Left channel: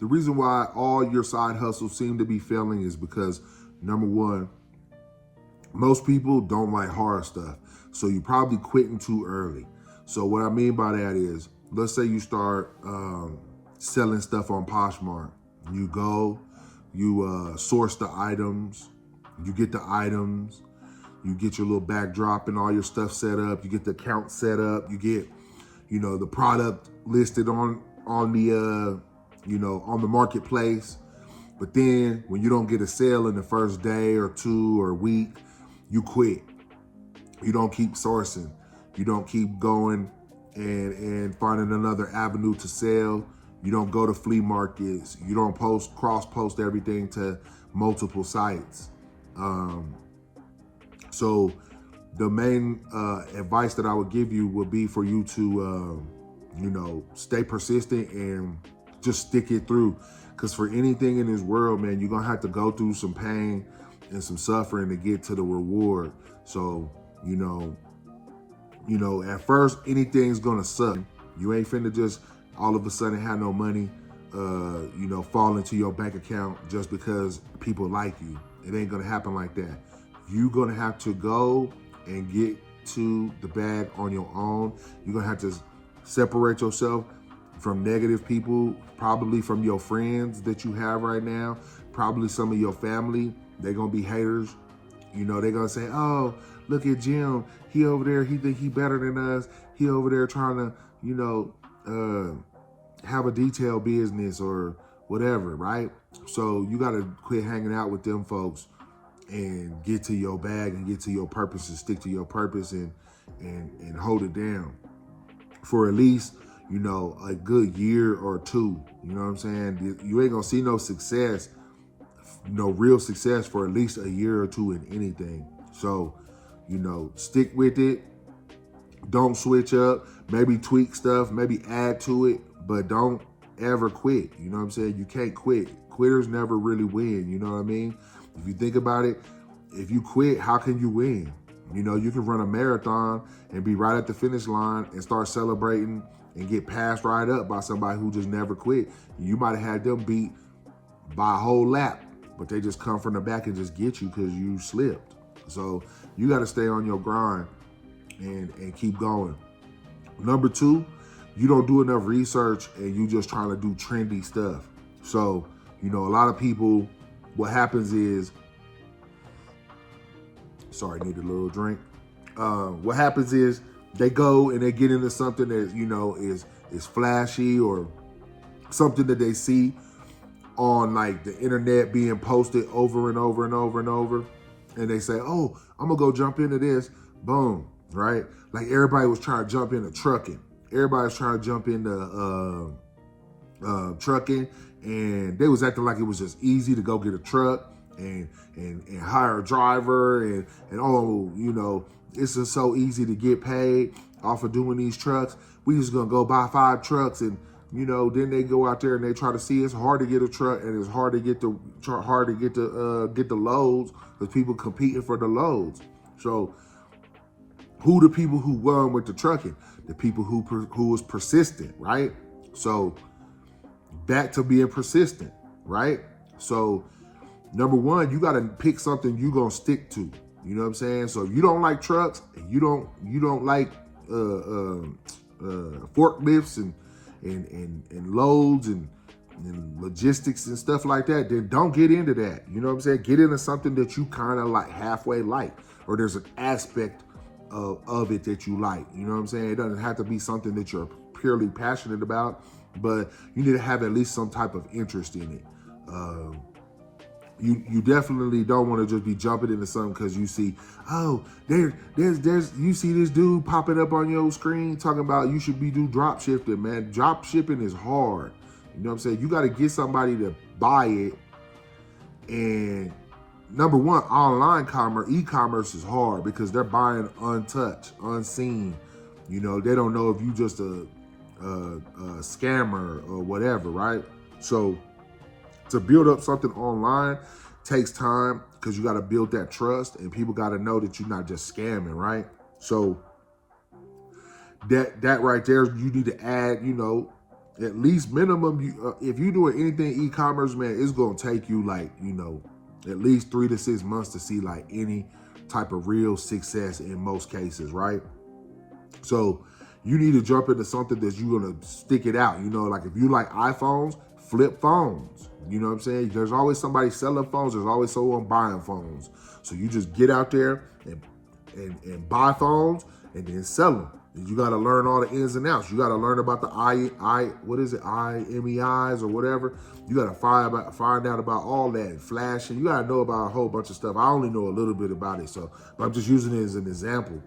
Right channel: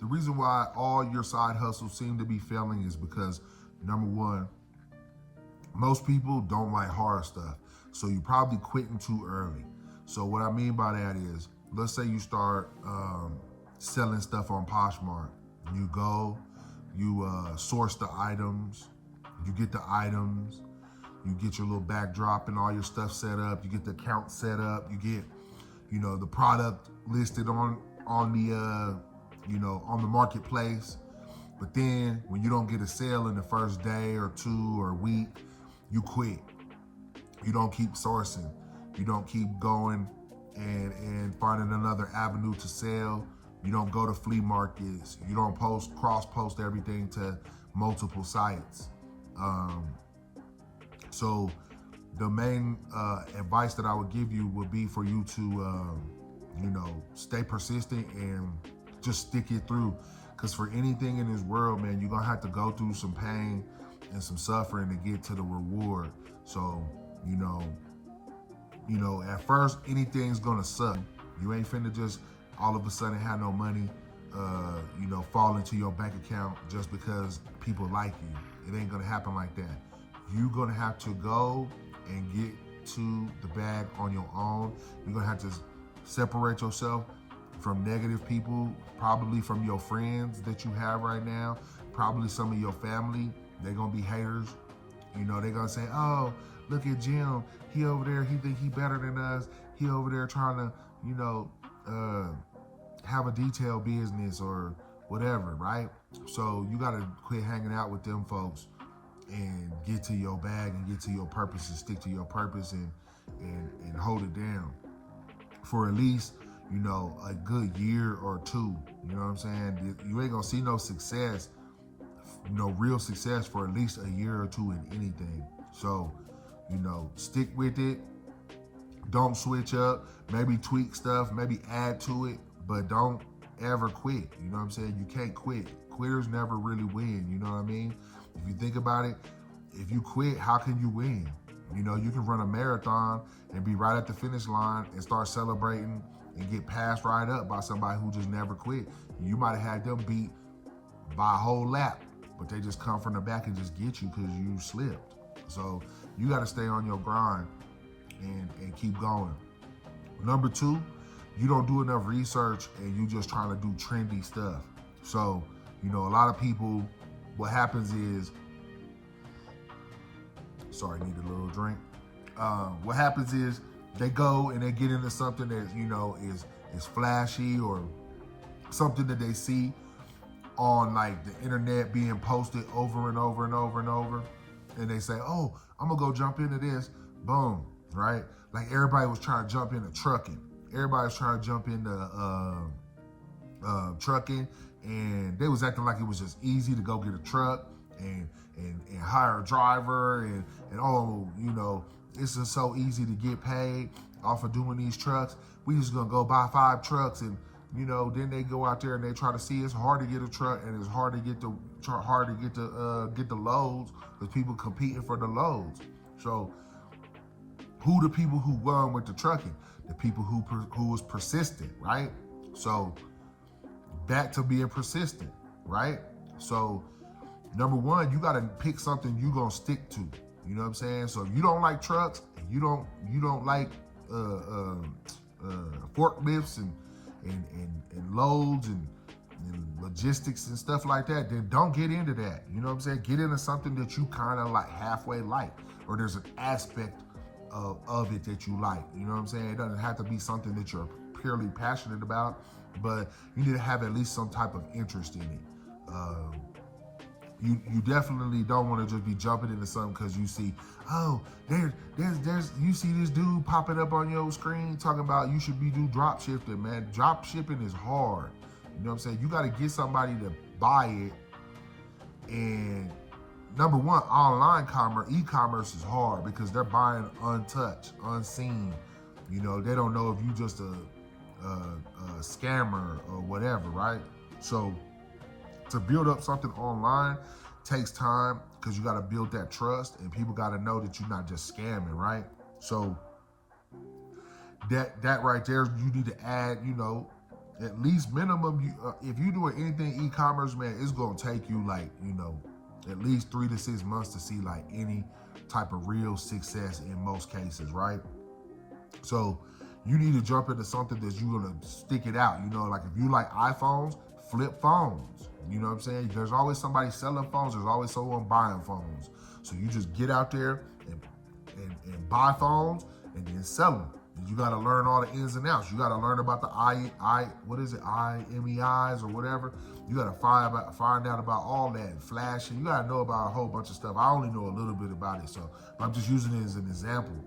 The reason why all your side hustles seem to be failing is because, number one, most people don't like hard stuff. So you probably quitting too early. So what I mean by that is, let's say you start selling stuff on Poshmark. You go, you source the items, you get the items, you get your little backdrop and all your stuff set up, you get the account set up, you get, the product listed on the on the marketplace. But then when you don't get a sale in the first day or two or week, you quit. You don't keep sourcing. You don't keep going and finding another avenue to sell. You don't go to flea markets. You don't cross-post everything to multiple sites. So the main advice that I would give you would be for you to, stay persistent and just stick it through. Because for anything in this world, man, you're going to have to go through some pain and some suffering to get to the reward. So, at first, anything's going to suck. You ain't finna just all of a sudden have no money, fall into your bank account just because people like you. It ain't going to happen like that. You're going to have to go and get to the bag on your own. You're going to have to separate yourself from negative people, probably from your friends that you have right now, probably some of your family. They're going to be haters. They're going to say, oh, look at Jim. He over there, he think he better than us. He over there trying to, have a detail business or whatever, right? So you got to quit hanging out with them folks and get to your bag and get to your purpose and stick to your purpose and hold it down for at least, a good year or two. You know what I'm saying? You ain't gonna see no success, no real success for at least a year or two in anything. So, stick with it. Don't switch up. Maybe tweak stuff, maybe add to it, but don't ever quit. You know what I'm saying? You can't quit. Quitters never really win. You know what I mean? If you think about it, if you quit, how can you win? You can run a marathon and be right at the finish line and start celebrating and get passed right up by somebody who just never quit. You might have had them beat by a whole lap, but they just come from the back and just get you because you slipped. So you got to stay on your grind and keep going. Number two, you don't do enough research and you just trying to do trendy stuff. So, a lot of people, what happens is, sorry, need a little drink. What happens is they go and they get into something that, is flashy or something that they see on like the internet being posted over and over and over and over. And they say, oh, I'm gonna go jump into this. Boom, right? Like everybody was trying to jump into trucking. Everybody was trying to jump into trucking, and they was acting like it was just easy to go get a truck and hire a driver and it's just so easy to get paid off of doing these trucks. We just gonna go buy 5 trucks and then they go out there and they try to see it's hard to get a truck and it's hard to get the loads because people competing for the loads. So who the people who won with the trucking? The people who was persistent, right? So back to being persistent, right? So number one, you got to pick something you gonna stick to. You know what I'm saying? So if you don't like trucks and you don't like forklifts and loads and logistics and stuff like that, then don't get into that. You know what I'm saying? Get into something that you kind of like halfway like, or there's an aspect of it that you like. You know what I'm saying? It doesn't have to be something that you're purely passionate about, but you need to have at least some type of interest in it. You definitely don't want to just be jumping into something because you see, oh, there's you see this dude popping up on your screen talking about you should be do drop shipping, man. Drop shipping is hard. You know what I'm saying? You got to get somebody to buy it. And number one, online e-commerce is hard because they're buying untouched, unseen. They don't know if you just a scammer or whatever, right? So to build up something online takes time because you got to build that trust and people got to know that you're not just scamming, right? So that right there, you need to add, At least minimum, if you're doing anything e-commerce, man, it's gonna take you like, at least 3 to 6 months to see like any type of real success in most cases, right? So you need to jump into something that you're gonna stick it out. Like if you like iPhones, flip phones. You know what I'm saying? There's always somebody selling phones. There's always someone buying phones. So you just get out there and buy phones and then sell them. You got to learn all the ins and outs. You got to learn about the IMEIs or whatever. You got to find out about all that and flashing. You got to know about a whole bunch of stuff. I only know a little bit about it, so I'm just using it as an example.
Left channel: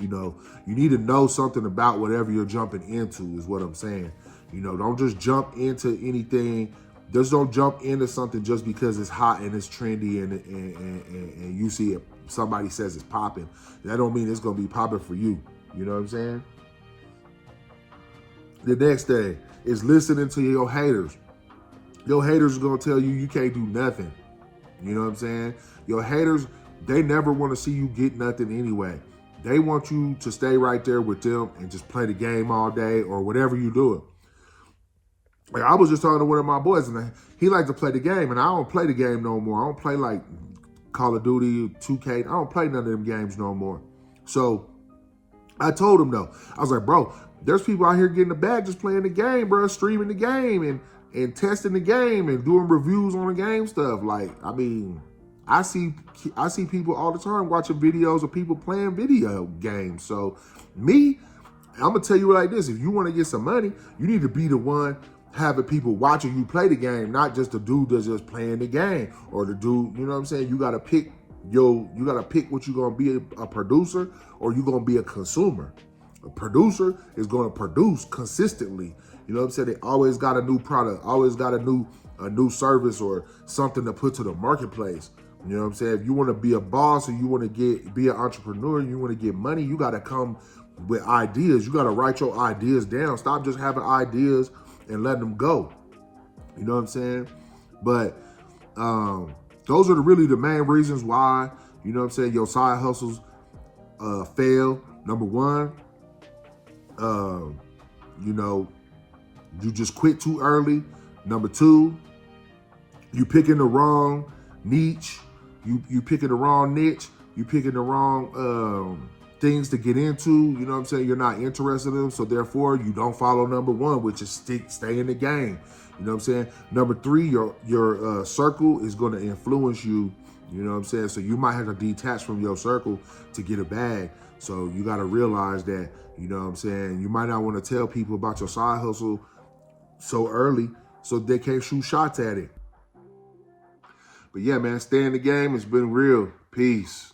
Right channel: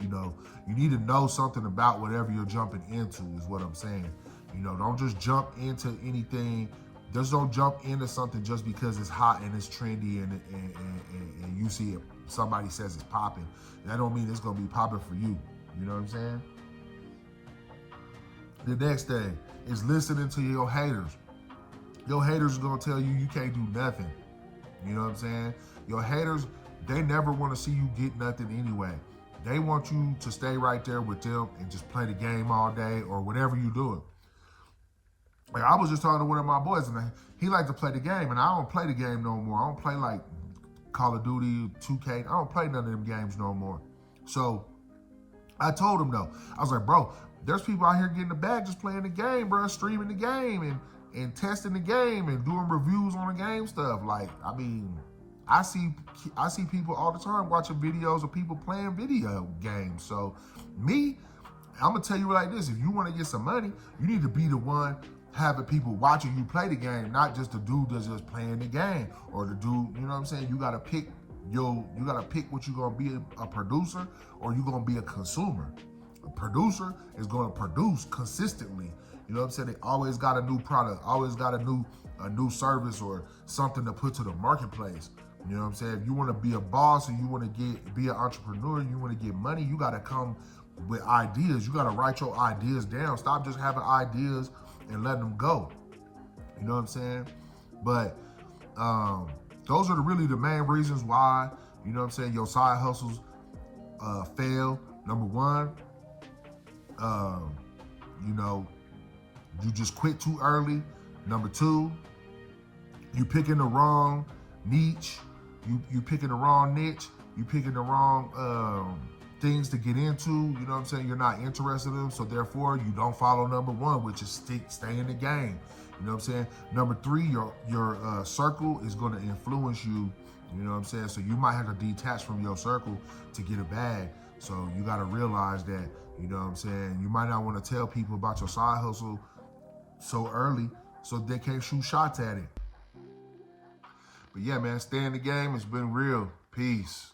You need to know something about whatever you're jumping into is what I'm saying. Don't just jump into anything. Just don't jump into something just because it's hot and it's trendy and you see it. Somebody says it's popping. That don't mean it's gonna be popping for you. You know what I'm saying? The next thing is listening to your haters. Your haters are gonna tell you can't do nothing. You know what I'm saying? Your haters, they never want to see you get nothing anyway. They want you to stay right there with them and just play the game all day or whatever you do. Like I was just talking to one of my boys and he liked to play the game, and I don't play the game no more. I don't play like Call of Duty, 2K. I don't play none of them games no more. So I told him though, I was like, bro, there's people out here getting the bag just playing the game, bro, streaming the game and testing the game and doing reviews on the game stuff. Like, I mean, I see people all the time watching videos of people playing video games. So me, I'm gonna tell you like this: if you want to get some money, you need to be the one having people watching you play the game, not just the dude that's just playing the game or the dude. You know what I'm saying? You gotta pick what you're gonna be, a producer or you're gonna be a consumer. A producer is gonna produce consistently. You know what I'm saying? They always got a new product, always got a new service or something to put to the marketplace. You know what I'm saying? If you want to be a boss or you want to be an entrepreneur, you want to get money, you got to come with ideas. You got to write your ideas down. Stop just having ideas and letting them go. You know what I'm saying? But those are really the main reasons why, you know what I'm saying, your side hustles fail. Number one, you just quit too early. Number two, you picking the wrong niche. You picking the wrong niche. You picking the wrong things to get into. You know what I'm saying? You're not interested in them, so therefore you don't follow number one, which is stay in the game. You know what I'm saying? Number three, your circle is going to influence you. You know what I'm saying? So you might have to detach from your circle to get a bag. So you got to realize that, you know what I'm saying, you might not want to tell people about your side hustle so early so they can't shoot shots at it. But yeah, man, stay in the game. It's been real. Peace.